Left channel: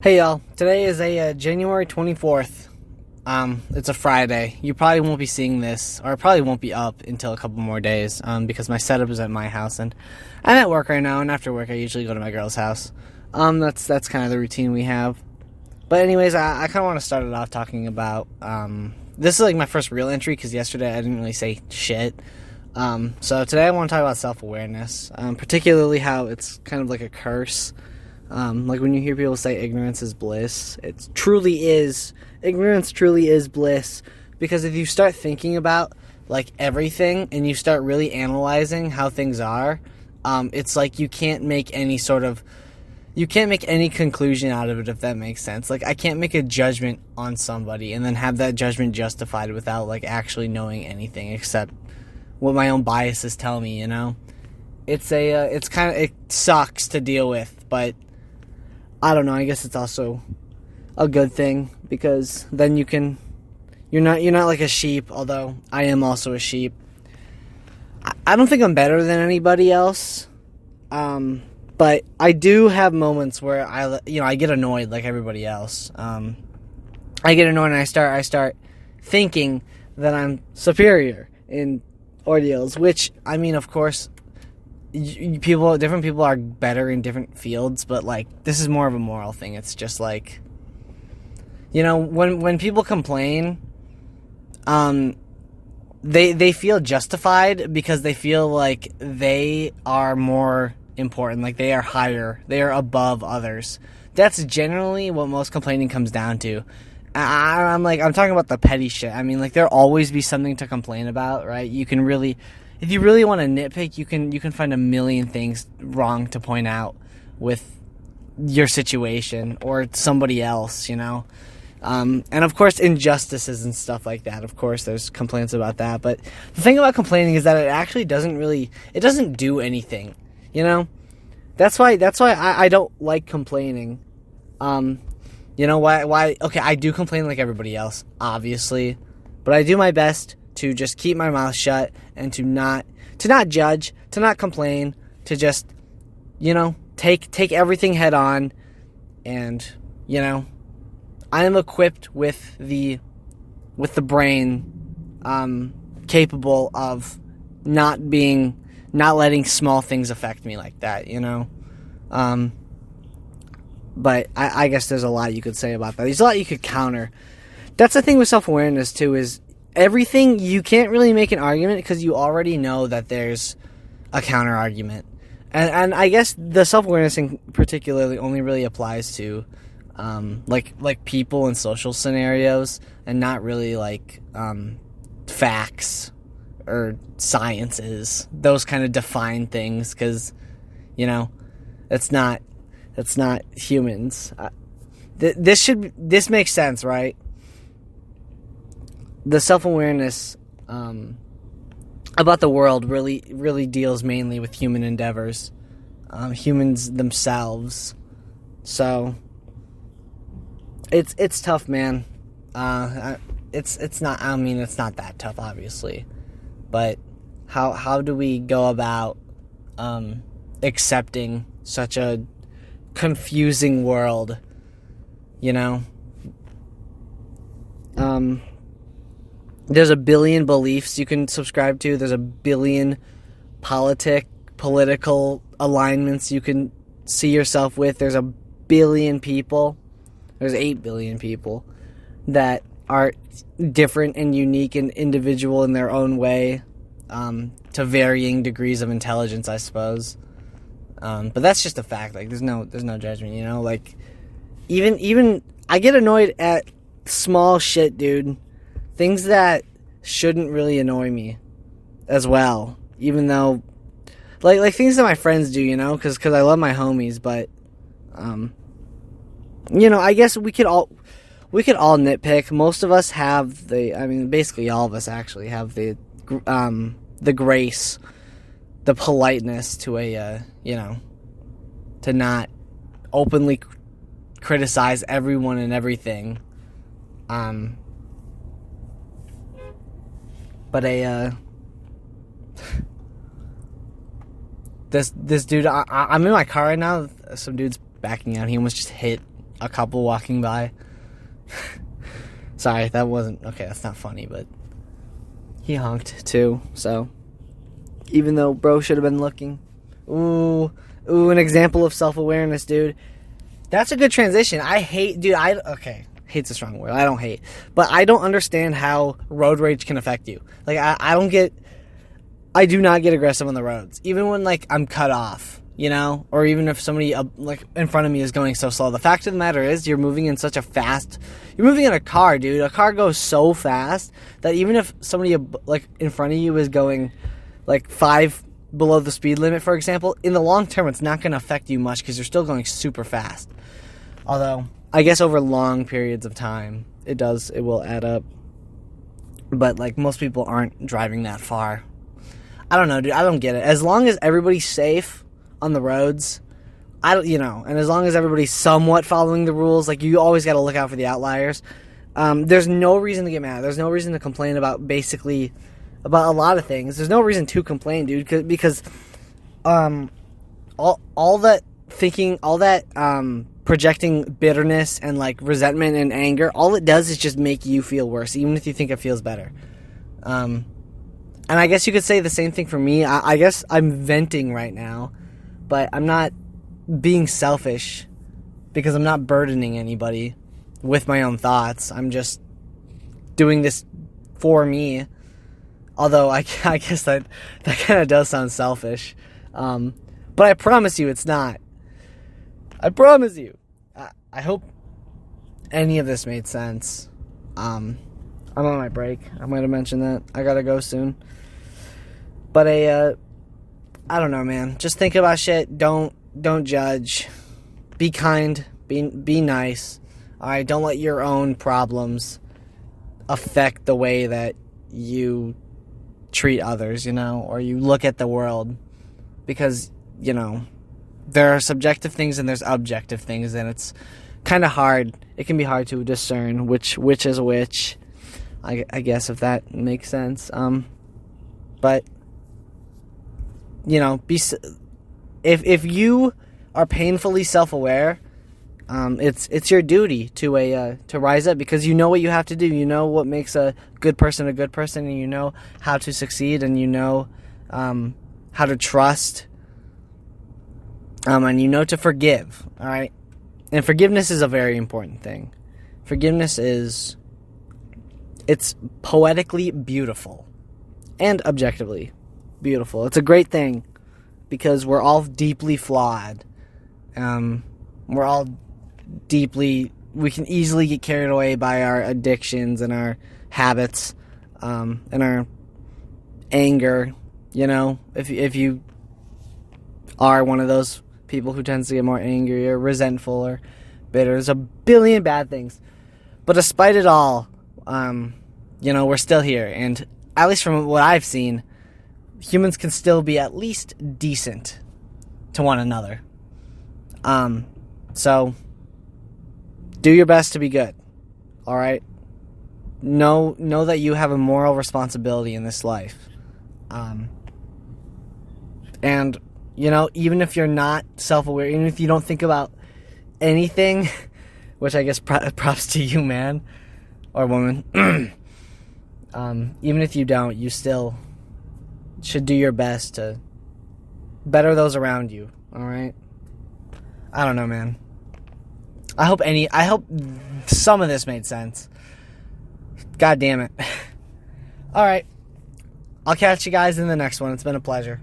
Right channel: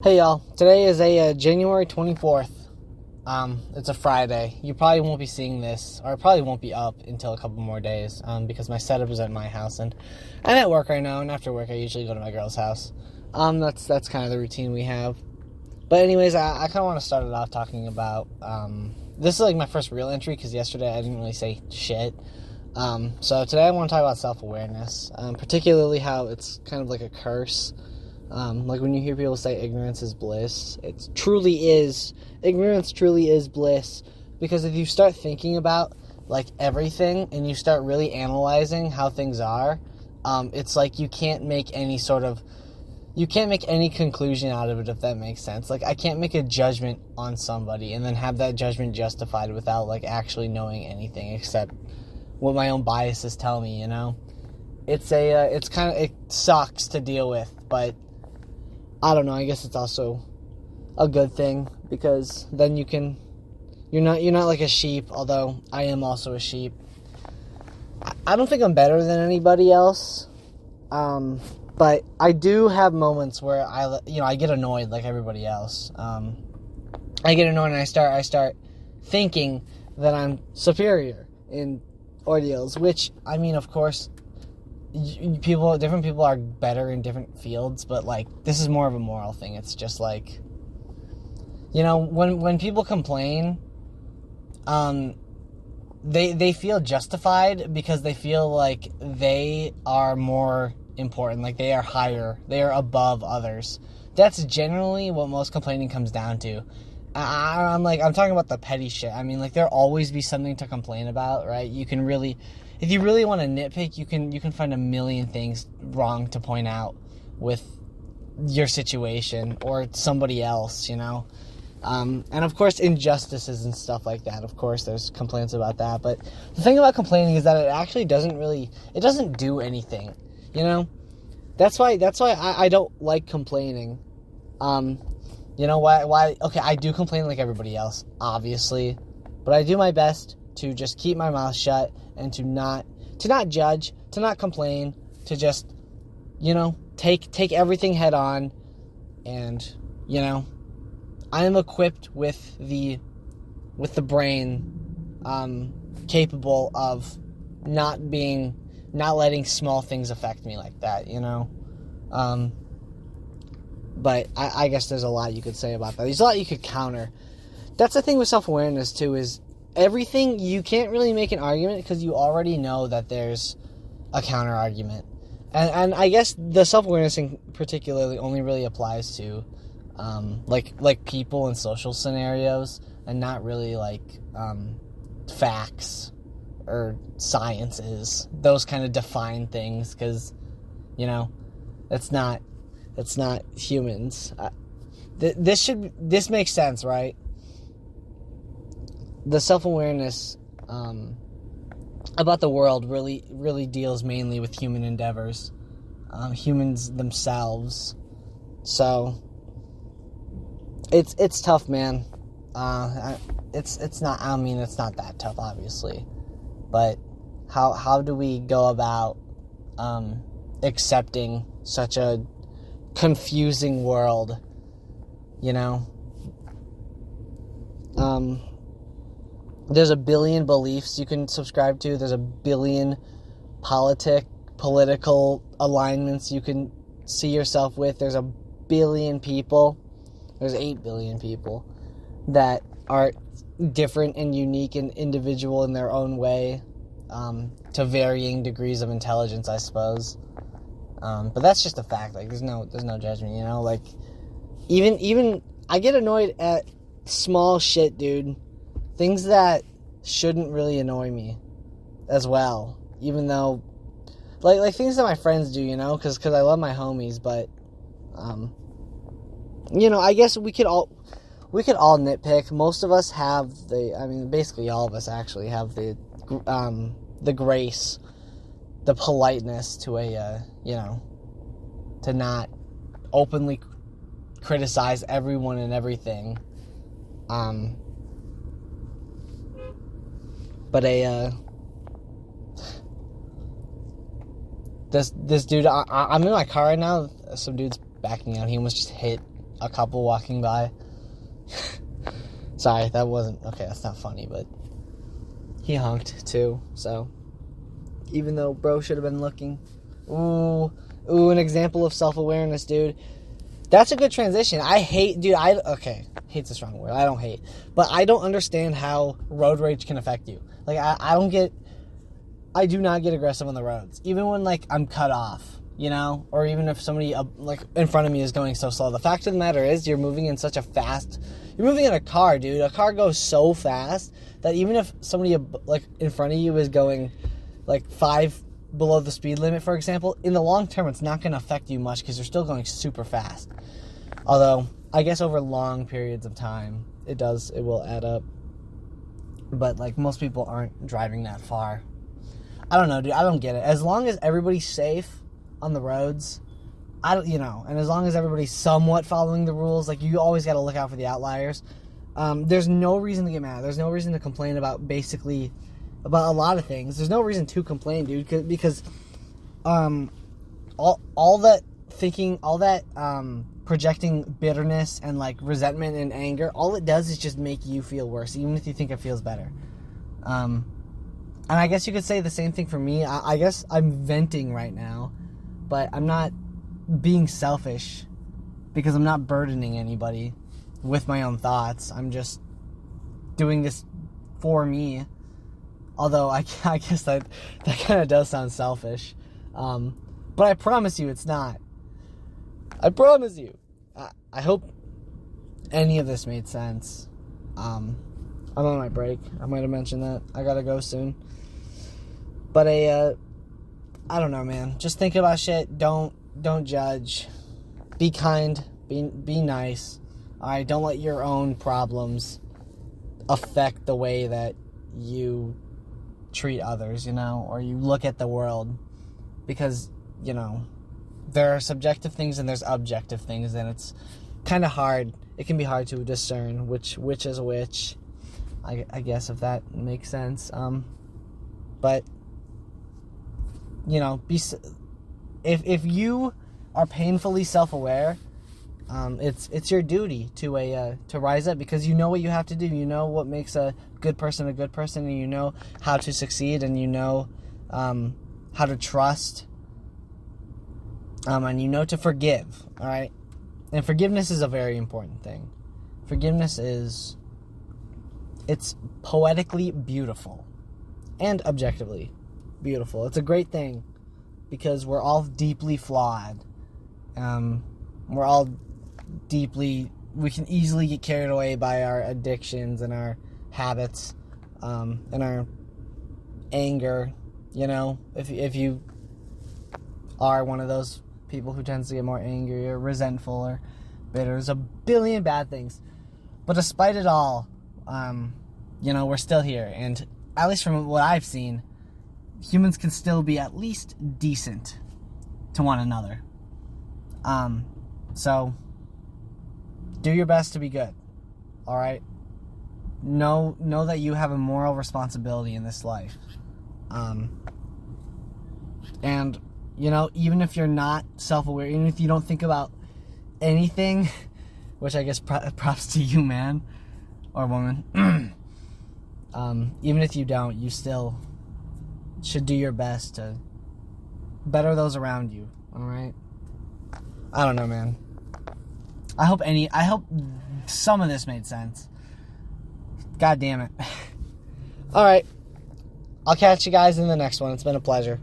Hey y'all, today is January 24th. It's a Friday. You probably won't be seeing this, or it probably won't be up until a couple more days, because my setup is at my house, and I'm at work right now, and after work I usually go to my girl's house. That's kind of the routine we have. But anyways, I kind of want to start it off talking about, this is like my first real entry, because yesterday I didn't really say shit. So today I want to talk about self-awareness, particularly how it's kind of like a curse. Like when you hear people say ignorance is bliss, it truly is. Ignorance truly is bliss, because if you start thinking about like everything and you start really analyzing how things are, it's like you can't make any conclusion out of it, if that makes sense. Like I can't make a judgment on somebody and then have that judgment justified without like actually knowing anything except what my own biases tell me, you know? It sucks to deal with, but I don't know, I guess it's also a good thing, because then you're not like a sheep, although I am also a sheep. I don't think I'm better than anybody else, but I do have moments where I get annoyed like everybody else. I get annoyed and I start thinking that I'm superior in ordeals, which, I mean, of course, different people are better in different fields, but like this is more of a moral thing. It's just like, you know, when people complain, they feel justified because they feel like they are more important, like they are higher, they are above others. That's generally what most complaining comes down to. I'm talking about the petty shit. I mean, like there'll always be something to complain about, right? If you really want to nitpick, you can find a million things wrong to point out with your situation or somebody else, you know? And of course, injustices and stuff like that. Of course, there's complaints about that. But the thing about complaining is that it actually it doesn't do anything, you know? That's why I don't like complaining. You know why? Okay, I do complain like everybody else, obviously. But I do my best to just keep my mouth shut and to not judge, to not complain, to just, you know, take everything head on. And, you know, I am equipped with the brain capable of not letting small things affect me like that, you know. But I guess there's a lot you could say about that. There's a lot you could counter. That's the thing with self-awareness too, is everything, you can't really make an argument because you already know that there's a counter argument. And I guess the self-awareness thing particularly only really applies to like people in social scenarios, and not really like facts or sciences, those kind of defined things, because, you know, it's not humans. This makes sense, right? The self-awareness about the world really deals mainly with human endeavors, humans themselves. So it's tough, man. It's not. I mean, it's not that tough, obviously, but how do we go about accepting such a confusing world? You know. There's a billion beliefs you can subscribe to. There's a billion political alignments you can see yourself with. There's a billion people. There's 8 billion people that are different and unique and individual in their own way, to varying degrees of intelligence, I suppose. But that's just a fact. Like there's no judgment, you know. Like even I get annoyed at small shit, dude. Things that shouldn't really annoy me as well, even though, like things that my friends do, you know, because I love my homies, but, you know, I guess we could all nitpick. Most of us have basically all of us actually have the grace, the politeness to you know, to not openly criticize everyone and everything. But this dude, I'm in my car right now. Some dude's backing out. He almost just hit a couple walking by. Sorry, that wasn't... Okay, that's not funny, but... He honked, too, so... Even though bro should have been looking. Ooh, an example of self-awareness, dude. That's a good transition. I hate... Dude, okay, hate's a strong word. I don't hate. But I don't understand how road rage can affect you. Like, I don't get... I do not get aggressive on the roads. Even when, like, I'm cut off, you know? Or even if somebody, like, in front of me is going so slow. The fact of the matter is, you're moving in such a fast... You're moving in a car, dude. A car goes so fast that even if somebody, like, in front of you is going, like, 5 below the speed limit, for example, in the long term, it's not going to affect you much because you're still going super fast. Although, I guess over long periods of time, it will add up. But, like, most people aren't driving that far. I don't know, dude. I don't get it. As long as everybody's safe on the roads, and as long as everybody's somewhat following the rules, like, you always got to look out for the outliers. There's no reason to get mad. There's no reason to complain about a lot of things. There's no reason to complain, dude, because all that thinking, all that projecting bitterness and, like, resentment and anger, all it does is just make you feel worse, even if you think it feels better. And I guess you could say the same thing for me. I guess I'm venting right now, but I'm not being selfish because I'm not burdening anybody with my own thoughts. I'm just doing this for me. Although I guess that kind of does sound selfish. But I promise you it's not. I promise you. I hope any of this made sense. I'm on my break. I might have mentioned that. I gotta go soon. But I don't know, man. Just think about shit. Don't judge. Be kind. Be nice. All right. Don't let your own problems affect the way that you treat others, or you look at the world, because there are subjective things and there's objective things, and it's kind of hard. It can be hard to discern which is which. I guess, if that makes sense. But if you are painfully self-aware, it's your duty to rise up, because you know what you have to do. You know what makes a good person, and you know how to succeed, and you know how to trust, and you know to forgive. All right, and forgiveness is a very important thing. Forgiveness it's poetically beautiful and objectively beautiful. It's a great thing because we're all deeply flawed. We're all we can easily get carried away by our addictions and our habits, and our anger. If you are one of those people who tends to get more angry or resentful or bitter, there's a billion bad things. But despite it all, we're still here, and at least from what I've seen, humans can still be at least decent to one another. So do your best to be good. All right. Know that you have a moral responsibility in this life. And even if you're not self-aware, even if you don't think about anything, which I guess props to you, man or woman. Even if you don't, you still should do your best to better those around you. All right. I don't know, man. I hope some of this made sense. God damn it. All right. I'll catch you guys in the next one. It's been a pleasure.